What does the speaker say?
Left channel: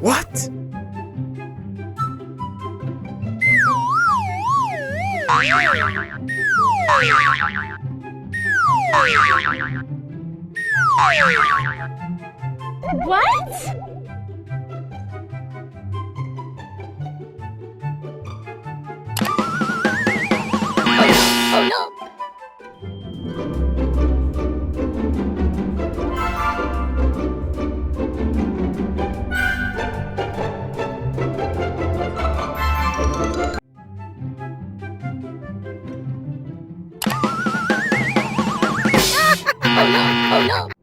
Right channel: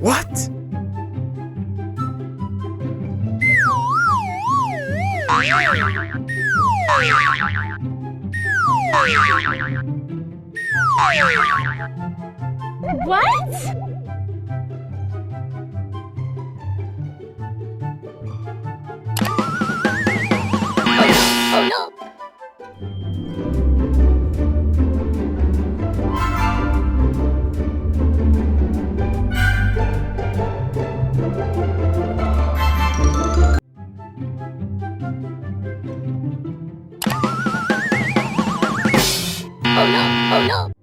What? What? Oh no! Oh no!